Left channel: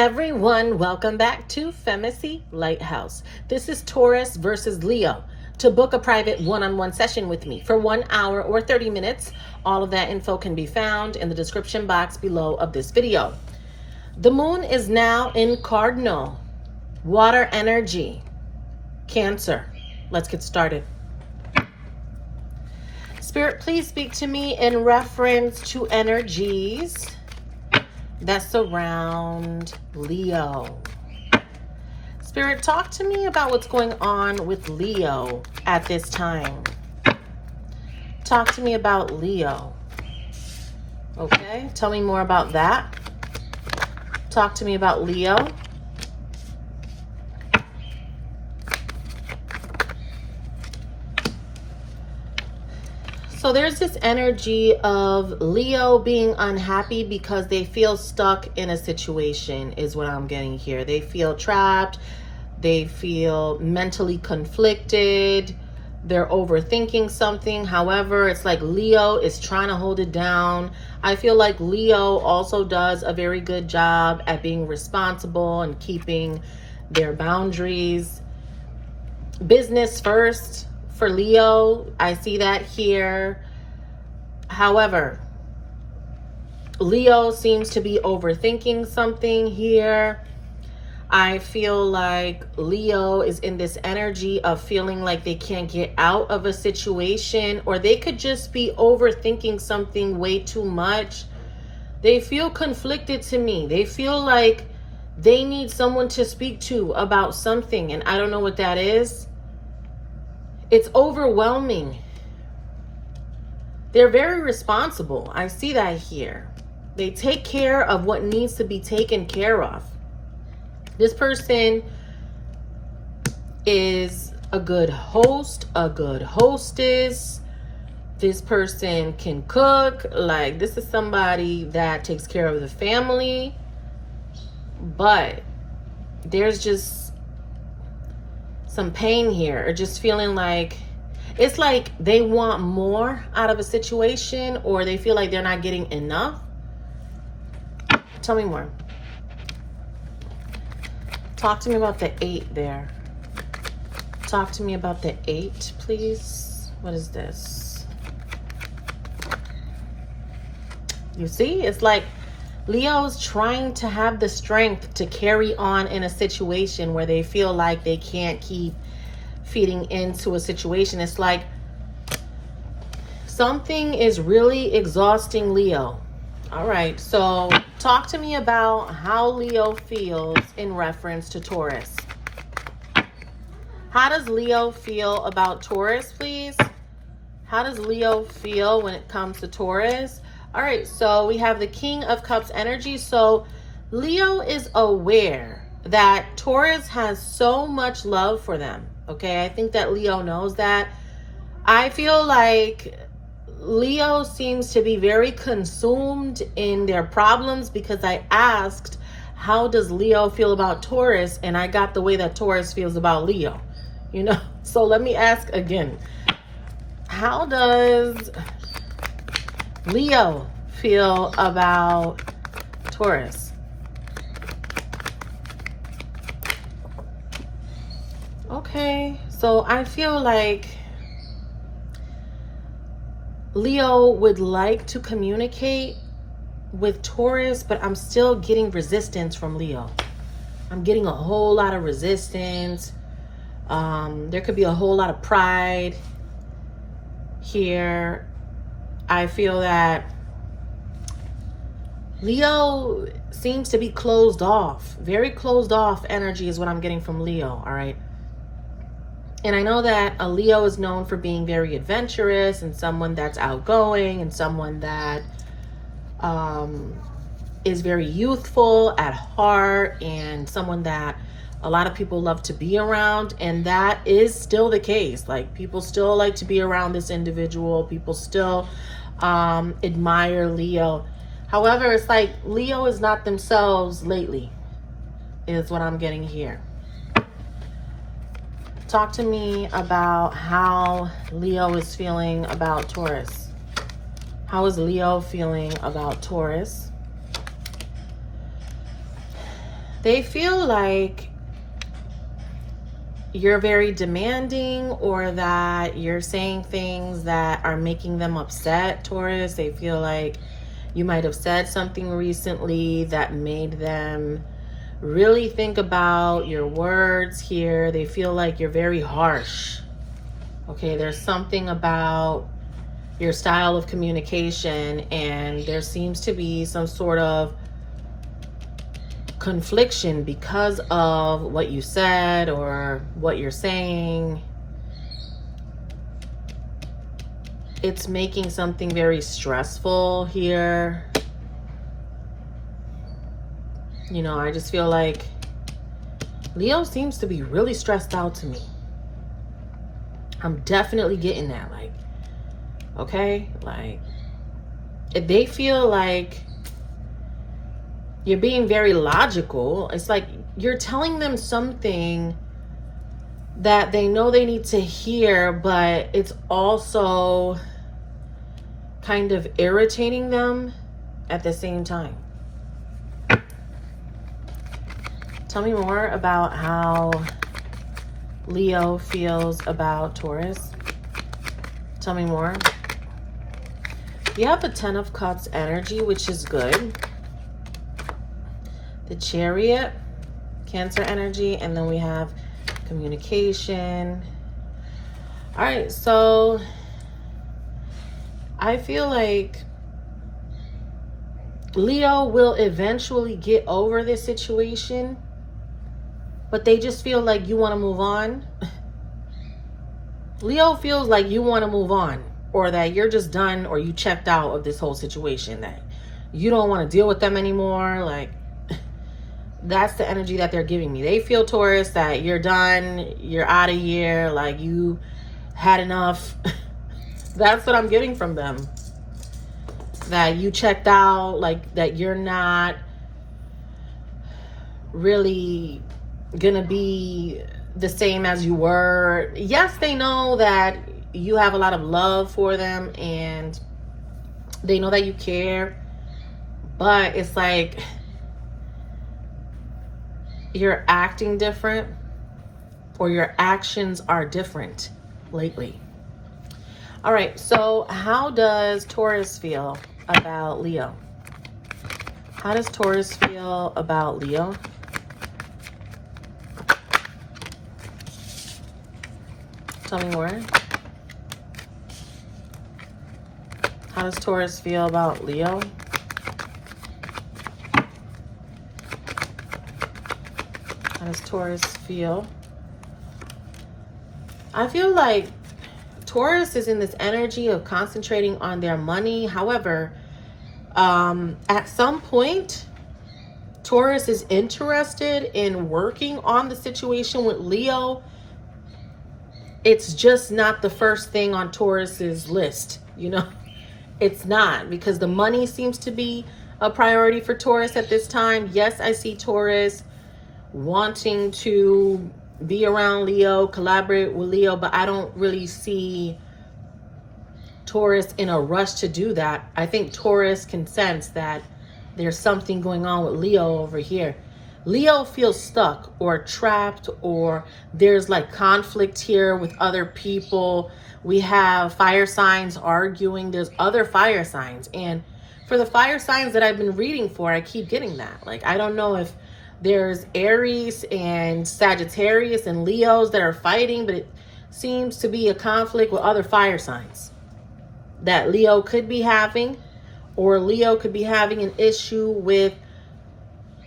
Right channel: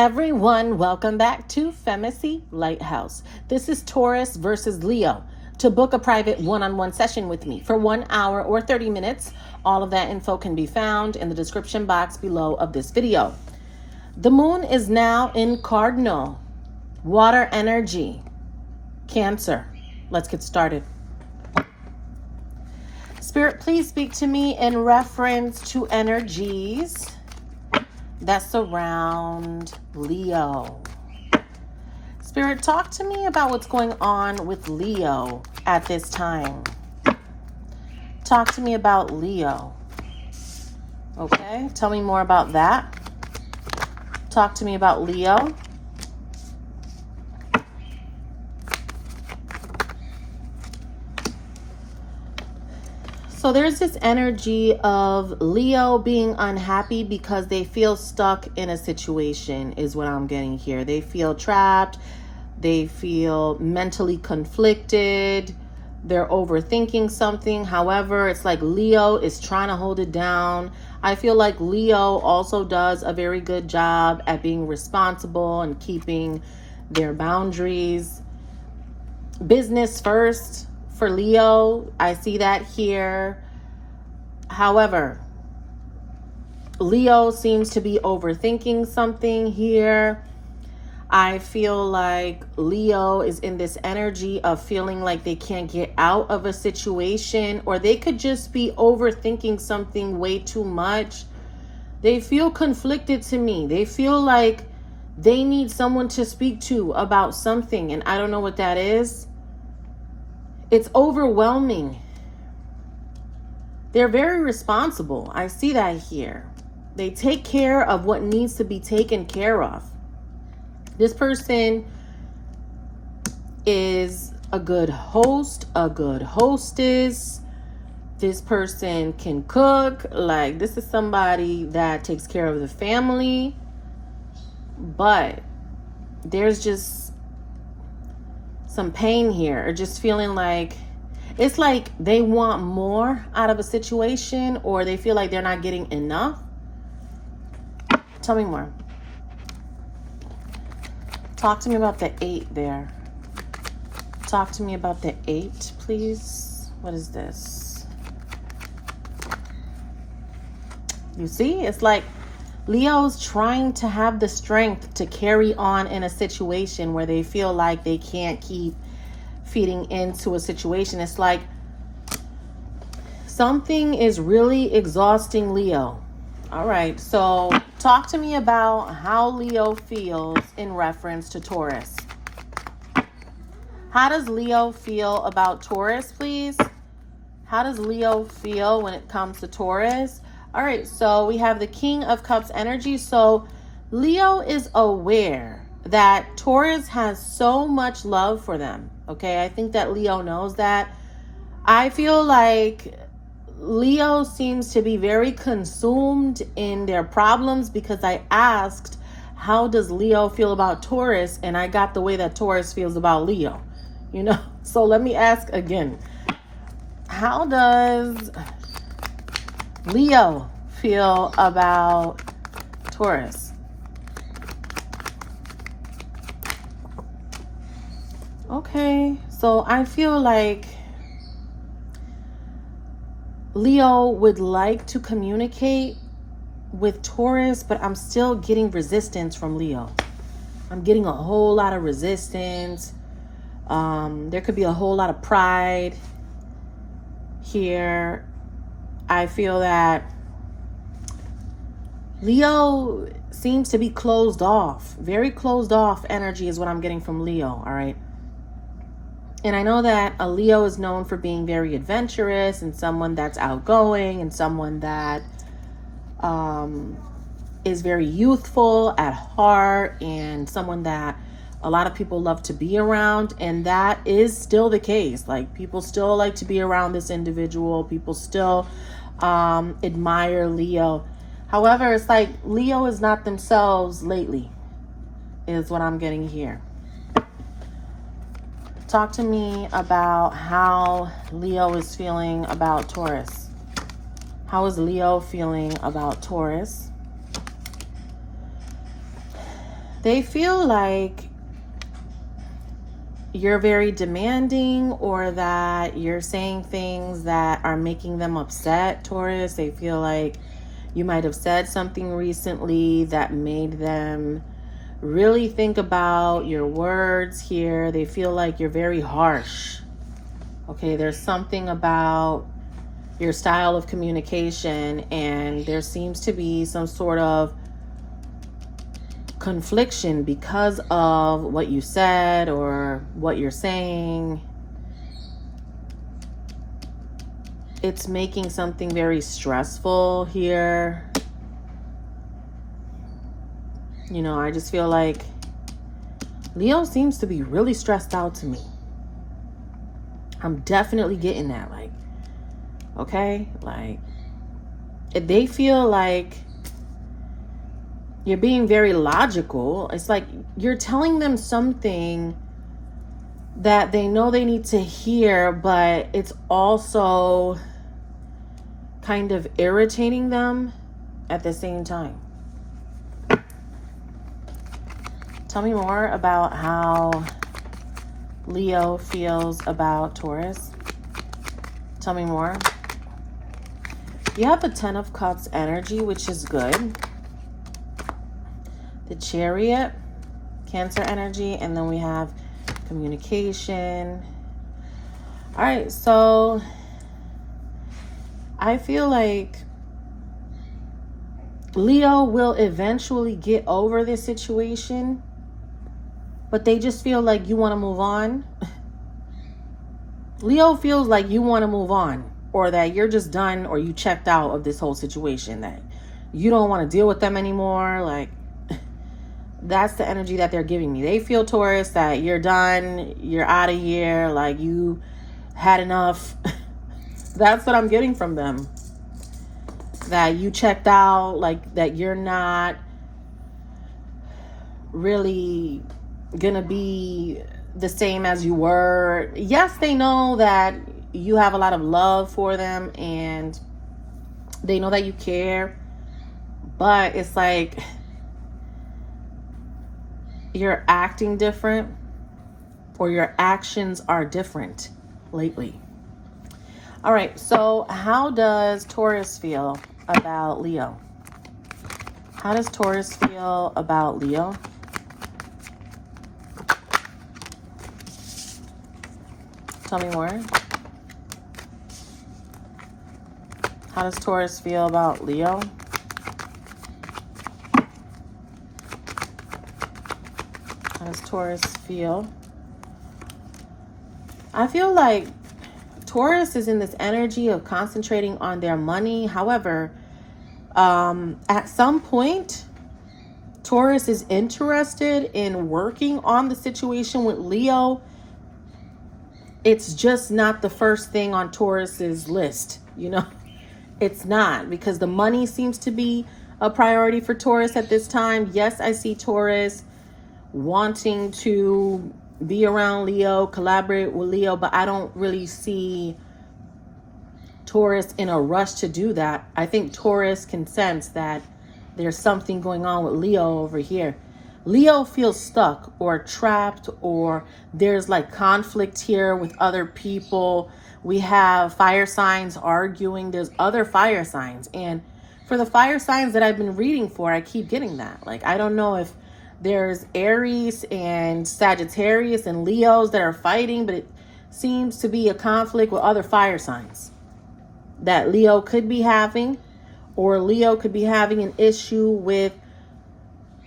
everyone, welcome back to FEMACY'S LightHouse. This is Taurus versus Leo. To book a private one-on-one session with me for 1 hour or 30 minutes, all of that info can be found in the description box below of this video. The moon is now in Cardinal, water energy, Cancer. Let's get started. Spirit, please speak to me in reference to energies that surround Leo. Spirit, talk to me about what's going on with Leo at this time. Talk to me about Leo. Okay, tell me more about that. Talk to me about Leo. So there's this energy of Leo being unhappy because they feel stuck in a situation is what I'm getting here. They feel trapped. They feel mentally conflicted. They're overthinking something. However, it's like Leo is trying to hold it down. I feel like Leo also does a very good job at being responsible and keeping their boundaries. Business first. For Leo, I see that here. However, Leo seems to be overthinking something here. I feel like Leo is in this energy of feeling like they can't get out of a situation, or they could just be overthinking something way too much. They feel conflicted to me. They feel like they need someone to speak to about something, and I don't know what that is. It's overwhelming. They're very responsible. I see that here. They take care of what needs to be taken care of. This person is a good host, a good hostess. This person can cook. Like, this is somebody that takes care of the family. But there's just some pain here, or just feeling like it's like they want more out of a situation, or they feel like they're not getting enough. Tell me more. Talk to me about the 8 there. Talk to me about the 8, please. What is this? You see, it's like Leo's trying to have the strength to carry on in a situation where they feel like they can't keep feeding into a situation. It's like something is really exhausting Leo. All right, so talk to me about how Leo feels in reference to Taurus. How does Leo feel about Taurus, please? How does Leo feel when it comes to Taurus? All right, so we have the King of Cups energy. So Leo is aware that Taurus has so much love for them. Okay, I think that Leo knows that. I feel like Leo seems to be very consumed in their problems, because I asked, how does Leo feel about Taurus? And I got the way that Taurus feels about Leo, you know? So let me ask again. How does Leo feel about Taurus? Okay, so I feel like Leo would like to communicate with Taurus, but I'm still getting resistance from Leo. I'm getting a whole lot of resistance. There could be a whole lot of pride here. I feel that Leo seems to be closed off. Very closed off energy is what I'm getting from Leo, all right? And I know that a Leo is known for being very adventurous and someone that's outgoing and someone that is very youthful at heart and someone that a lot of people love to be around. And that is still the case. Like, people still like to be around this individual. People still admire Leo. However, it's like Leo is not themselves lately, is what I'm getting here. Talk to me about how Leo is feeling about Taurus. How is Leo feeling about Taurus? They feel like you're very demanding, or that you're saying things that are making them upset, Taurus. They feel like you might have said something recently that made them really think about your words here. They feel like you're very harsh. Okay, there's something about your style of communication, and there seems to be some sort of confliction because of what you said or what you're saying. It's making something very stressful here. You know, I just feel like Leo seems to be really stressed out to me. I'm definitely getting that. Like, okay, like, if they feel like you're being very logical, it's like you're telling them something that they know they need to hear, but it's also kind of irritating them at the same time. Tell me more about how Leo feels about Taurus. Tell me more. You have the 10 of Cups energy, which is good. The Chariot, Cancer energy, and then we have communication. All right, so I feel like Leo will eventually get over this situation, but they just feel like you want to move on. Leo feels like you want to move on, or that you're just done, or you checked out of this whole situation, that you don't want to deal with them anymore. Like, that's the energy that they're giving me. They feel, Taurus, that you're done, you're out of here, like you had enough. That's what I'm getting from them. That you checked out, like that you're not really gonna be the same as you were. Yes, they know that you have a lot of love for them and they know that you care, but it's like you're acting different, or your actions are different lately. All right, so how does Taurus feel about Leo? How does Taurus feel about Leo? Tell me more. How does Taurus feel about Leo? How does Taurus feel? I feel like Taurus is in this energy of concentrating on their money. However, at some point, Taurus is interested in working on the situation with Leo. It's just not the first thing on Taurus's list, you know? It's not, because the money seems to be a priority for Taurus at this time. Yes, I see Taurus wanting to be around Leo, collaborate with Leo, but I don't really see Taurus in a rush to do that. I think Taurus can sense that there's something going on with Leo over here. Leo feels stuck or trapped, or there's like conflict here with other people. We have fire signs arguing. There's other fire signs. And for the fire signs that I've been reading for, I keep getting that. Like, I don't know if there's Aries and Sagittarius and Leos that are fighting, but it seems to be a conflict with other fire signs that Leo could be having, or Leo could be having an issue with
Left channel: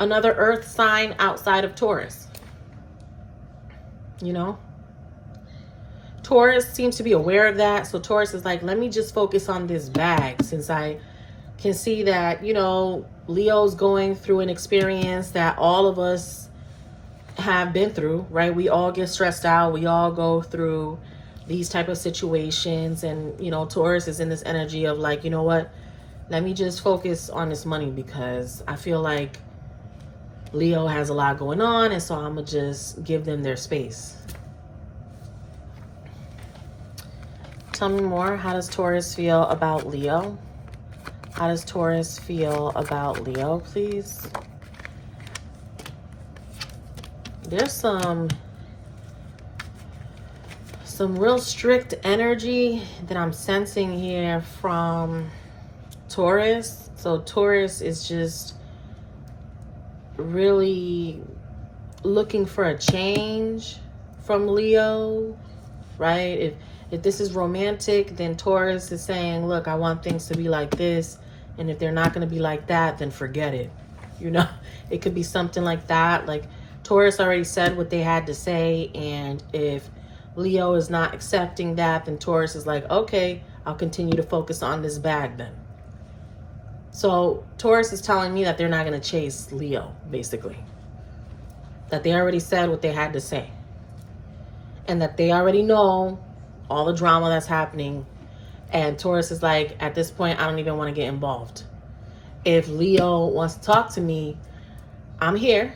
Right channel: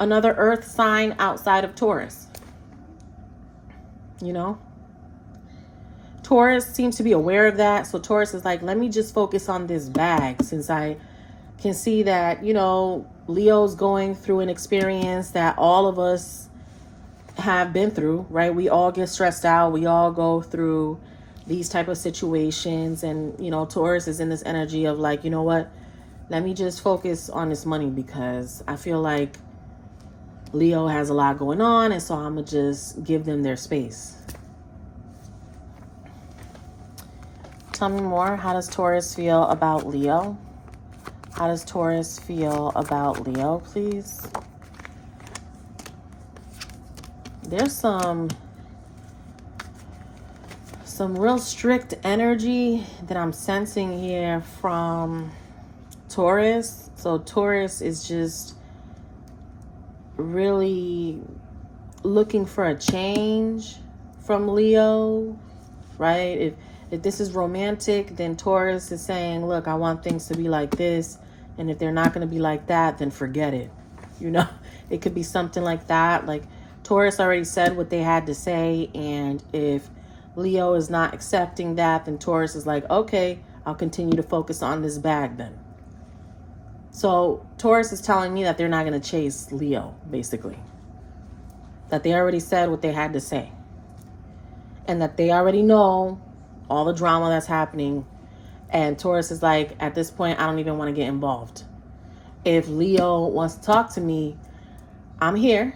another earth sign outside of Taurus. You know, Taurus seems to be aware of that. So Taurus is like, let me just focus on this bag, since I can see that, you know, Leo's going through an experience that all of us have been through, right? We all get stressed out. We all go through these type of situations. And, you know, Taurus is in this energy of like, you know what? Let me just focus on this money, because I feel like Leo has a lot going on. And so I'm going to just give them their space. Tell me more. How does Taurus feel about Leo? How does Taurus feel about Leo, please? There's some real strict energy that I'm sensing here from Taurus. So Taurus is just really looking for a change from Leo, right? If this is romantic, then Taurus is saying, look, I want things to be like this. And if they're not going to be like that, then forget it. You know, it could be something like that. Like Taurus already said what they had to say. And if Leo is not accepting that, then Taurus is like, okay, I'll continue to focus on this bag then. So Taurus is telling me that they're not going to chase Leo, basically. That they already said what they had to say. And that they already know all the drama that's happening. And Taurus is like, at this point, I don't even want to get involved. If Leo wants to talk to me, I'm here.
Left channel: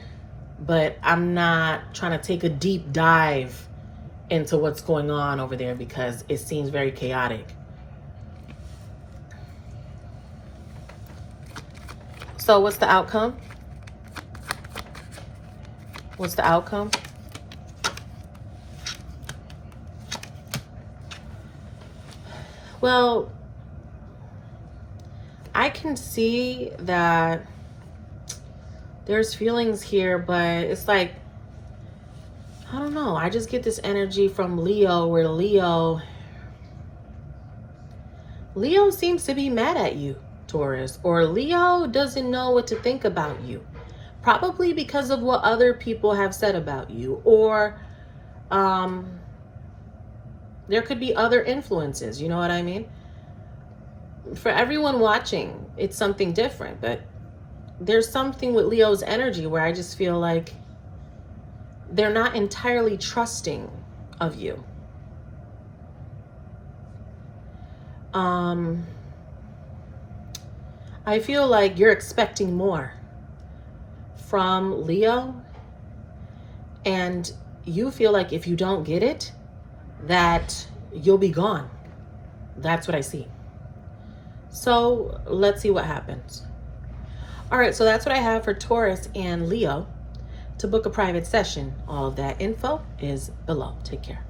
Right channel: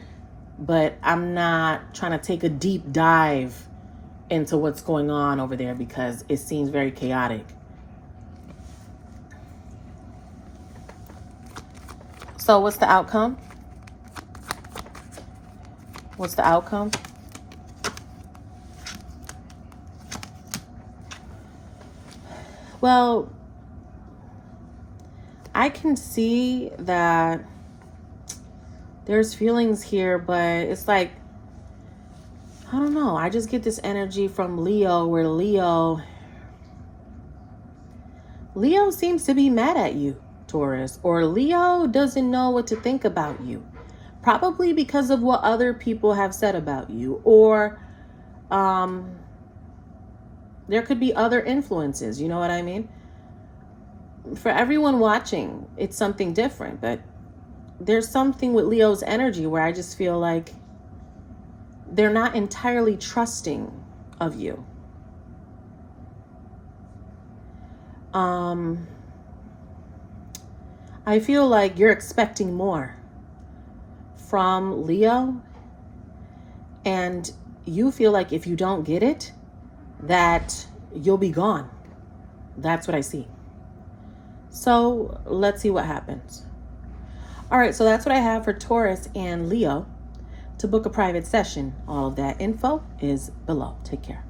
But I'm not trying to take a deep dive into what's going on over there because it seems very chaotic. So what's the outcome? What's the outcome? Well, I can see that there's feelings here, but it's like, I don't know. I just get this energy from Leo where Leo seems to be mad at you, Taurus, or Leo doesn't know what to think about you. Probably because of what other people have said about you, or there could be other influences, you know what I mean? For everyone watching, it's something different, but there's something with Leo's energy where I just feel like they're not entirely trusting of you. I feel like you're expecting more from Leo, and you feel like if you don't get it, that you'll be gone. That's what I see. So let's see what happens. All right, so that's what I have for Taurus and Leo. To book a private session, all of that info is below. Take care.